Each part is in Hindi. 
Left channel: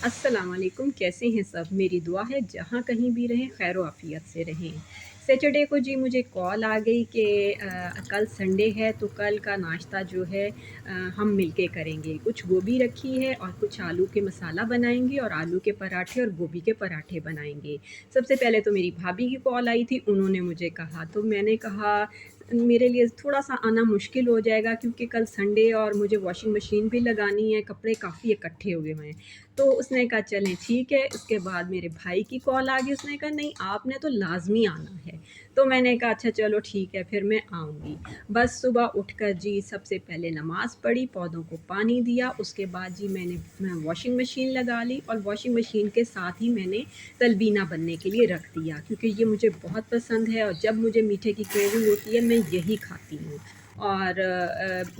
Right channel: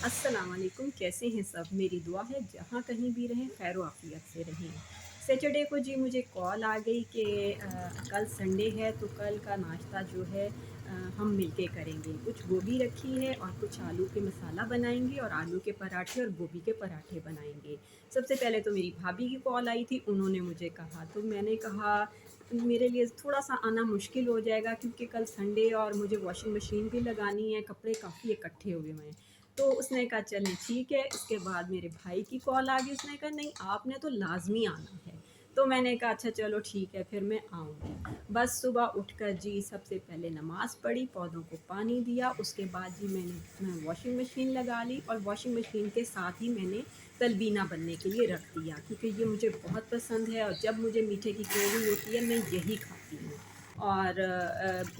अस्सलाम वालेकुम, कैसे हैं सब? मेरी दुआ है जहाँ कहीं भी रहें खैर आफ़ियत से रहें। सैटरडे को जी मुझे कॉल आ गई कि कल संडे है तो कल का नाश्ता जो है हम मिलके करेंगे। कुछ गोभी रखी है और कुछ आलू के मसाला बनाएँगे और आलू के पराठे और गोभी के पराठे बनाएँगे। सबसे पहले तो मेरी भाभी की कॉल आई थी, उन्होंने मुझे कहा तो मैंने कहा मेरे लिए थोड़ा-सा आना मुश्किल हो जाएगा क्योंकि कल संडे और मुझे वॉशिंग मशीन भी लगानी है, कपड़े काफ़ी इकट्ठे हुए हुए हैं। तो उसने कहा चलें ठीक है, उसके बाद मेरे भाई की कॉल आ गई, उसने कहा नहीं आपने तो लाज़मी आना है। तो मैंने कहा अच्छा चलो ठीक है फिर मैं आऊँगी। बस सुबह उठकर जी सबसे पहले नमाज़ पढ़ी, पौधों को पानी दिया, उसके बाद जी मैं वॉशिंग मशीन लगा ली और वॉशिंग मशीन के साथ ही मैंने तलबीना बनने के लिए रख दिया क्योंकि ये मुझे बहुत पसंद है और जब मुझे मीठे की क्रेविंग होती है मैं यही खाती हूँ। और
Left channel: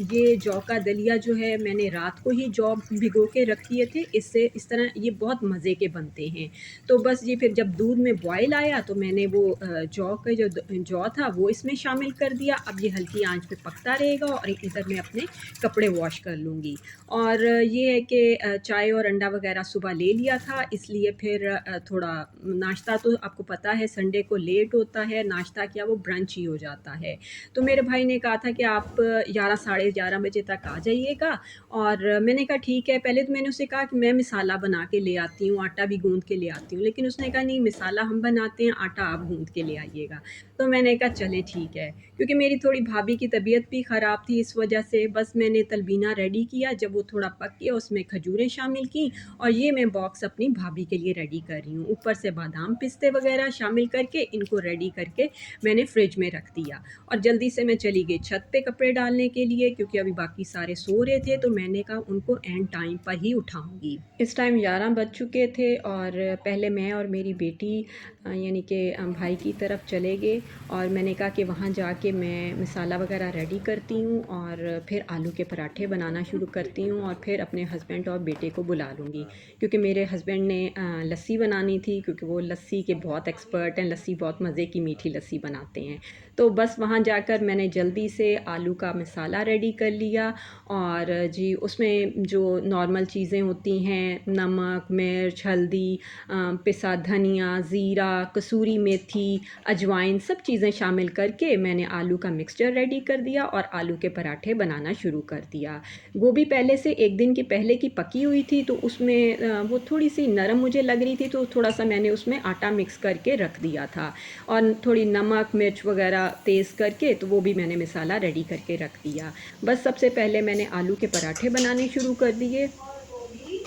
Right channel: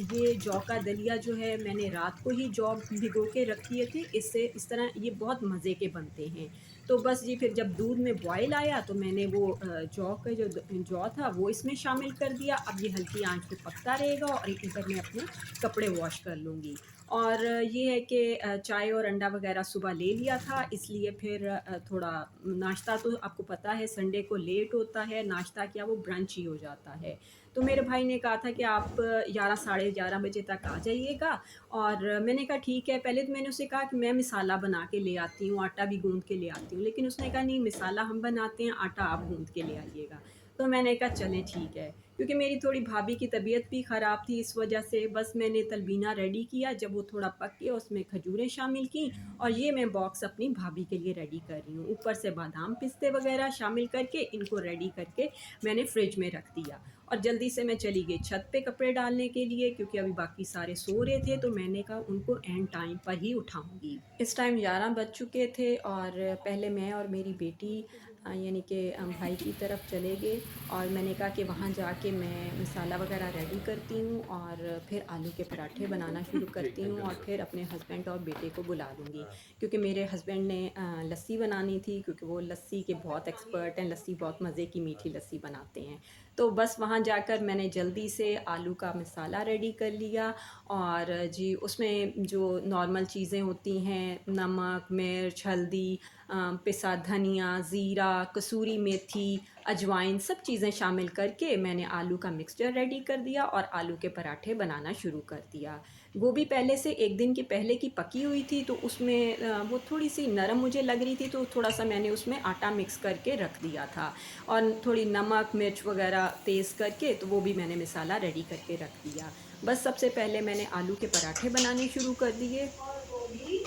ये जौ का दलिया जो है मैंने रात को ही जौ भिगो के रख दिए थे, इससे इस तरह ये बहुत मज़े के बनते हैं। तो बस ये फिर जब दूध में बॉयल आया तो मैंने वो जौ का जो जौ था वो इसमें शामिल कर दिया। अब ये हल्की आँच पे पकता रहेगा और इधर मैं अपने कपड़े वॉश कर लूँगी। और ये है कि चाय और अंडा वग़ैरह सुबह ले लिया था इसलिए फिर थोड़ा नाश्ता तो आपको पता है संडे को लेट होता है, नाश्ता क्या वो ब्रंच ही हो जाता है। तो मेरे भाई ने कहा था कि आप 11 साढ़े 11 बजे तक आ जाइएगा और मैंने कहा ठीक है। पहले तो मैंने उससे कहा कि मैं मसाला बना के ले आती हूँ, आटा भी गूँध के ले आती हूँ, लेकिन उसने कहा नहीं मसाला हम बनाते हैं, आटा आप गूँध के ले आइएगा। तो मैंने कहा चलें ठीक है, क्योंकि मेरी थोड़ी भाभी की तबीयत भी ख़राब थी इस वजह से बस मैंने तलबीना रेडी किया, जब वो थोड़ा पक गया उसमें खजूरें शामिल की और ये मैं बॉक्स अपनी भाभी के लिए रेडी कर रही हूँ। ऊपर से बादाम, पिस्ते वग़ैरह शामिल करके इनको रेडी करके मैंने फ्रिज में रख दिया। और जल्दी से मैं चली गई छत पे कपड़े डालने के लिए क्योंकि अभी बाकी सारे सो रहे थे, तो मैंने कहा उनको एंड टाइम पर ही उठाऊँगी। इस टाइम 11 बज चुके थे और पहले मैं और मेरी बेटी यानी कि भाई की तरफ चले गए और मैंने कहा कि वहाँ जाके मैं मसाला वग़ैरह रेडी करती हूँ और फिर आलू के पराठे बनाना शुरू करती हूँ और फिर अपने हस्बैंड और बेटे को बुला लूँगी। क्योंकि मेरे हस्बैंड ने लस्सी बनानी थी क्योंकि वो लस्सी के बहुत एक्सपर्ट हैं, लस्सी बहुत मज़े की मीठी लस्सी बनाते हैं। तो बस वहाँ जाकर मैंने जल्दी से आलू का मसाला रेडी कर लिया और जी उसमें जो नॉर्मल चीज़ें होती हैं नमक, मिर्च, हल्दी, पिसा धनिया, ज़ीरा, कसूरी मेथी, अजवाइन सब चीज़ें शामिल करके मैंने आलू का मिक्सचर रेडी कर दिया और आलू के पराठे बनाना शुरू कर दिया। गोभी पहले से 1 दिन की पहले की पकी हुई थी तो उसमें वो थोड़ी-सी नरम मुझे लग रही थी तो थोड़ा-सा मैंने उसमें आटा मिक्स करके रख दिया था और थोड़ी नमक, मिर्च वग़ैरह तेज़ करके तो वो भी मैंने मसाला रेडी करके रख दिया। बस सबसे पहले मैंने आलू के पराठे बनाने शुरू कर दिए और वो भी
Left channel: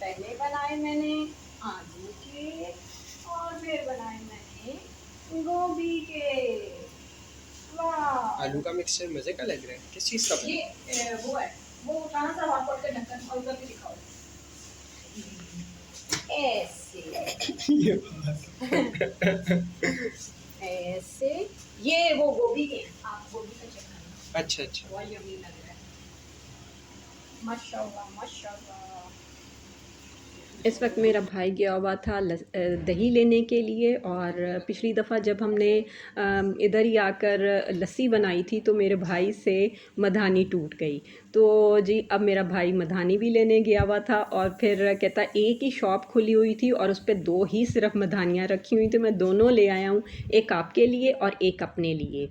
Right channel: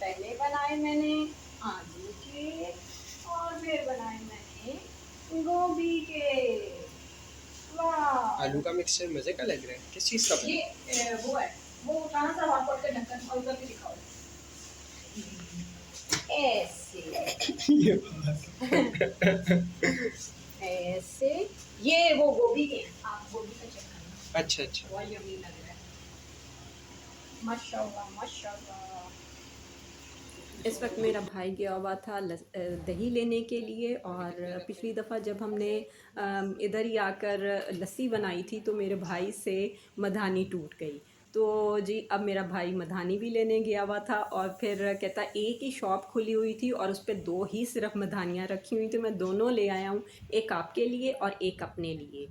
पहले बनाए मैंने आलू के और फिर बनाए मैंने गोभी के। वाह! आलू का मिक्सचर मज़े का लग रहा है। किस चीज़ का बना? ये वो है, वो उठाना था हॉट पॉट का ढक्कन और उधर भी दिखाओ। ऐसे ये बात। ऐसे ये वो गोभी के आप गोभी का चेक करना अच्छा, अच्छा। बहुत यम्मी लग रहा है। माशाल्लाह माशाल्लाह। इस वक्त मेरा भाई गया हुआ था दही लेने के लिए और पिछली दफ़ा जब हमने इधर ही आकर लस्सी बनाई थी तो मेरे भाई से मधानी टूट गई। तो जी अब मेरा भाई मधानी भी लेने गया हुआ था और फिर कहता एक ही शॉप खुली हुई थी और उस पे 2 ही सिर्फ मधानियाँ रखी हुई थी, मैं दोनों ले आया हूँ, एक आपके लिए और एक अपने लिए।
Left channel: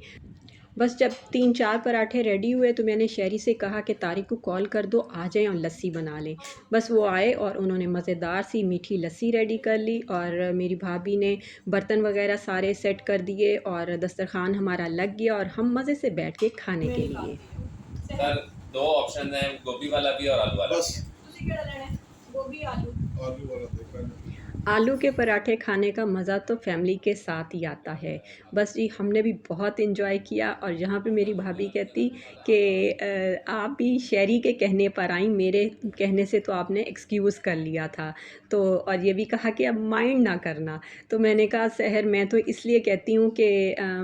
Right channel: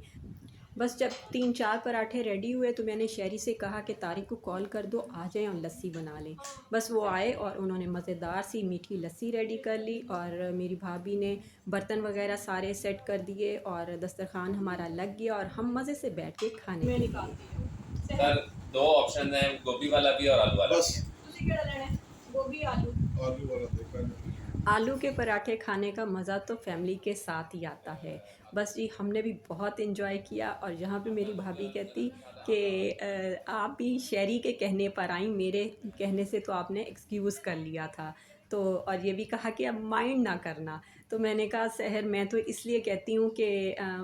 बस जब 3-4 पराठे रेडी हुए तो मैंने शहरी से कहा कि तारिक को कॉल कर दो आ जाएँ और लस्सी बना लें। बस वो आए और उन्होंने मज़ेदार सी मीठी लस्सी रेडी कर ली और मेरी भाभी ने बर्तन वग़ैरह सारे सेट कर दिए और दस्तरख़्वान हमारा लग गया और हम मज़े से बैठ के खाने के लिए। सर 2 ऑप्शन हैं, गोभी वाला भी और आलू वाला बस भी है। ਤੁਸੀਂ ਕਿਹੜਾ ਲੈਣਾ ਹੈ? गोभी आलू आलू वाला देखा नहीं। आलू के पराठे खाने का मज़ा तो फैमिली के साथ ही आता है। बस जी हमने भी बहुत एंजॉय किया और यहाँ पे मेरी भाभी कहती कि आप भी शहरी के कहने पर आईं, मेरे कहने से तो आपने एक्सक्यूज़ कर लिया था। तो और ये भी कहा कि अब माइंड ना करना। तो मैंने कहा सहर मैं तो इसलिए कहती हूँ कि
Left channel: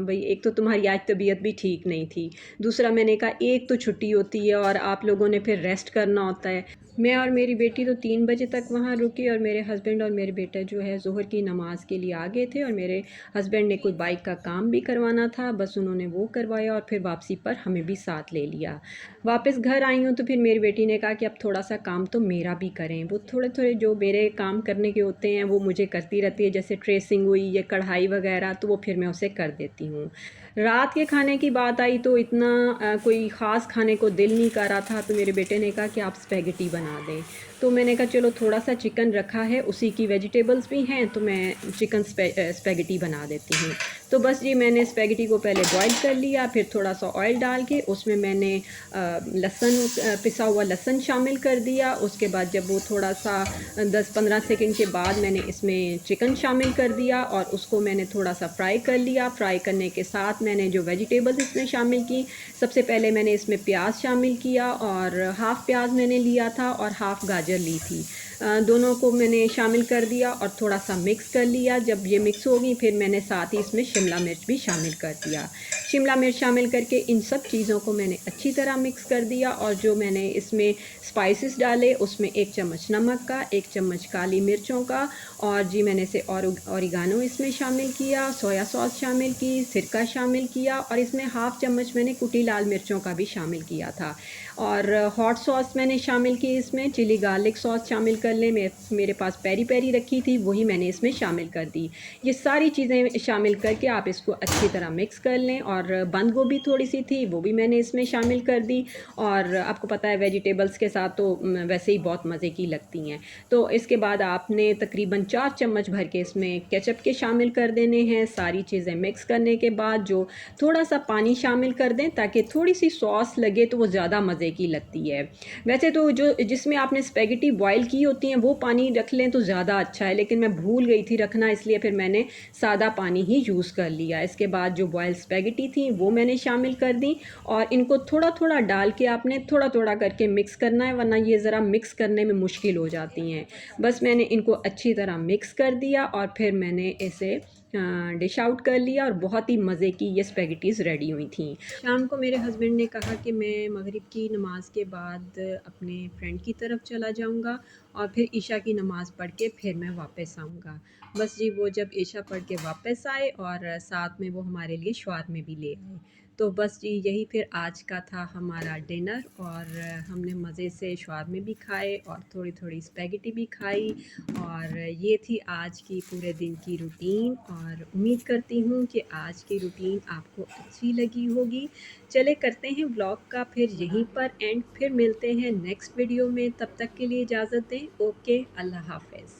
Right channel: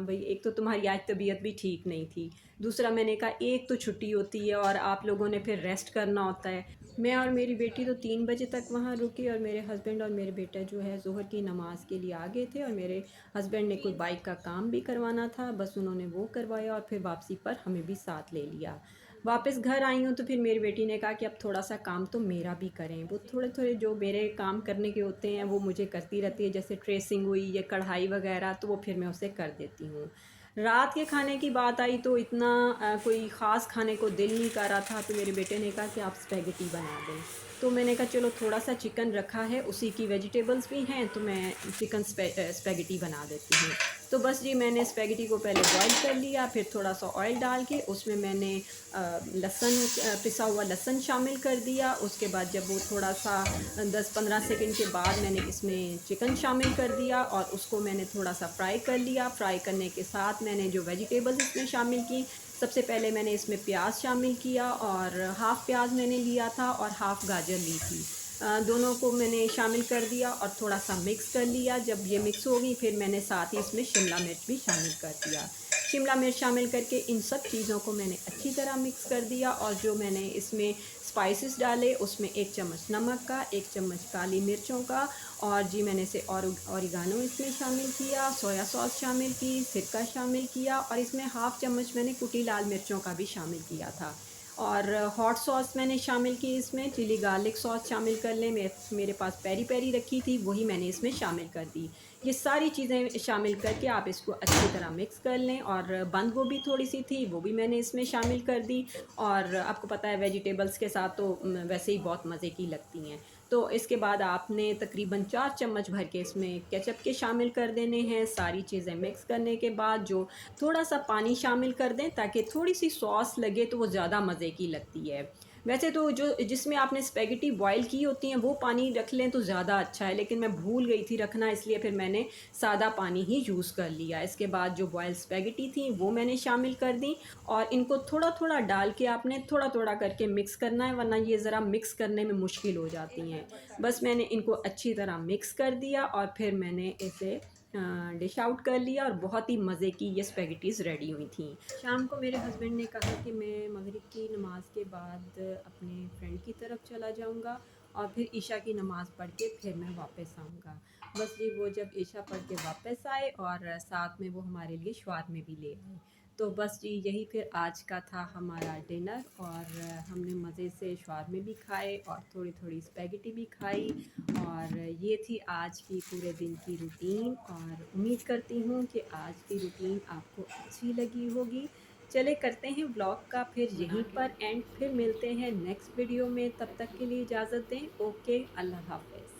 भई एक तो तुम्हारी आज तबीयत भी ठीक नहीं थी। दूसरा मैंने कहा एक तो छुट्टी होती है और आप लोगों ने फिर रेस्ट करना होता है। मैं और मेरी बेटी तो 3 बजे तक वहाँ रुकी और मेरे हस्बैंड और मेरे बेटे बेटा जो है ज़ोहर की नमाज़ के लिए आ गए थे और मेरे हस्बैंड ने कोई बाइक का काम भी करवाना था, बस उन्होंने वो करवाया और फिर वापसी पर हमें भी साथ ले लिया। वापस घर आई हूँ तो फिर मेरी बेटी ने कहा कि अब थोड़ा-सा काम तो मेरा भी करें। वो थोड़े-थोड़े जो मेरे काम करने के होते हैं वो मुझे करती रहती है, जैसे ट्रेसिंग हुई या कढ़ाई वगैरह, तो वो फिर मैं उसे कर देती हूँ। रात के खाने की बात आई तो इतना कोई ख़ास खाने को दिल नहीं कर रहा था, तो मेरे बेटे ने कहा कि आप स्पेगेटी बना दें। तो मैंने कहा चलो थोड़ा-सा चिकन रखा है, उसी की वेजिटेबल्स भी हैं, तो मैं चिकन स्पेगेटी बना देती हूँ। तो बस जी मैंने स्पेगेटी को पहले बॉयल कर लिया, फिर थोड़ा-सा ऑयल डाल के उसमें मैंने लहसुन पिसा हुआ लहसुन शामिल कर दिया। उसके बाद जब वो थोड़ा-सा 10-15 सेकंड के बाद मैंने इसमें चिकन शामिल कर दिया और उसको मैंने थोड़ा-सा फ्राई कर लिया। फ्राई करने के साथ मैंने जो वेजिटेबल्स इसमें शामिल की, सबसे पहले मैंने इसमें प्याज शामिल किया और हाफ़ प्याज मैंने लिया था और हाफ़ गाजर ली थी। दोनों को मैंने शामिल कर दिया और थोड़ा-सा मिक्स कर लिया। जब ये मिक्स हो गई फिर मैंने साथ ही इसमें शिमला मिर्च भी शामिल कर दिया। शिमला मिर्च शामिल करके इन सब चीज़ों को मैंने अच्छी तरह मिक्स कर दिया और जो मैंने इसमें स्पाइसेस डाले उसमें 1 चम्मच नमक का, 1 चम्मच काली मिर्चों का और जी मैंने इसे ऑरिगानो इसमें शामिल किया, सोया सॉस शामिल की, सिरका शामिल किया और इसमें हाफ़ चम्मच मैंने कुटी लाल मिर्चों का भी शामिल किया था। और हॉट सॉस मैंने शामिल की, इसमें चिली गार्लिक सॉस शामिल कर लें, मेरे पास पेरी-पेरी रखी थी वही मैंने इसमें शामिल कर दी। ये सारी चीज़ें शामिल करके आप इसको अच्छी तरह मिक्स कर लें और बंद गोभी थोड़ी-सी थी वो भी मैंने इसमें शामिल कर दी और आपको पता है वेजिटेबल्स के साथ तो वैसे ही बहुत मज़े की लगती हैं। तो इसके बाद आपने तकरीबन 4 चम्मच भर के इसमें केचअप के शामिल कर देने हैं। सारी चीज़ें मिक्स करने के बाद जो थोड़ा-सा पानी शामिल कर दें ताकि थोड़ी-सी सॉस लगे तो वो ज़्यादा मज़े की लगती है। वैसे तो जो जिसमें आपने स्पेगेटी बॉयल की होती हैं वो पानी रख लें तो ज़्यादा अच्छा है, लेकिन मैं भूल गई थी रखना, इसलिए फिर मैंने सादा पानी ही यूज़ कर लिया। इसके बाद जो बॉयल स्पेगेटी थी वो मैंने शामिल कर दी और इनको थोड़ा-थोड़ा डाल के आपने थोड़ा-थोड़ा करके मिक्स करना है, वरना ये ज़रा मिक्स करने में मुश्किल हो जाती हैं। बस मैंने इनको अच्छी तरह मिक्स कर दिया और फिर मैंने इसे डिश आउट कर लिया और बहुत ही मज़े की ये स्पेगेटीज़ रेडी हुई थी। शाम को मेरे हस्बैंड ने कहा कि मैं मगरिब की नमाज़ के बाद अपने फ्रेंड की तरफ चला जाऊँगा और फिर इशा की नमाज़ पढ़ के फिर मैं वापस आऊँगा। बस जी वो जब इशा पढ़ के वापस आए और साथ में वो हमारे लिए शवारमे भी ले आए। तो बस जी यही फिर आज का था हमारा डिनर और हमने मज़े से शवारमे भी खाए और थोड़ी-थोड़ी स्पेगेटी भी खाई और ये थी आज की पूरे दिन की रूटीन और उम्मीद करती हूँ कि आज की रूटीन आपको अच्छी लगी होगी। चले करते हैं व्लॉग का फिर यहीं पर एंड, फिर मिलते हैं नेक्स्ट वीडियो में, तब तक के लिए इजाज़त दें। ओके, अल्लाह हाफ़िज़।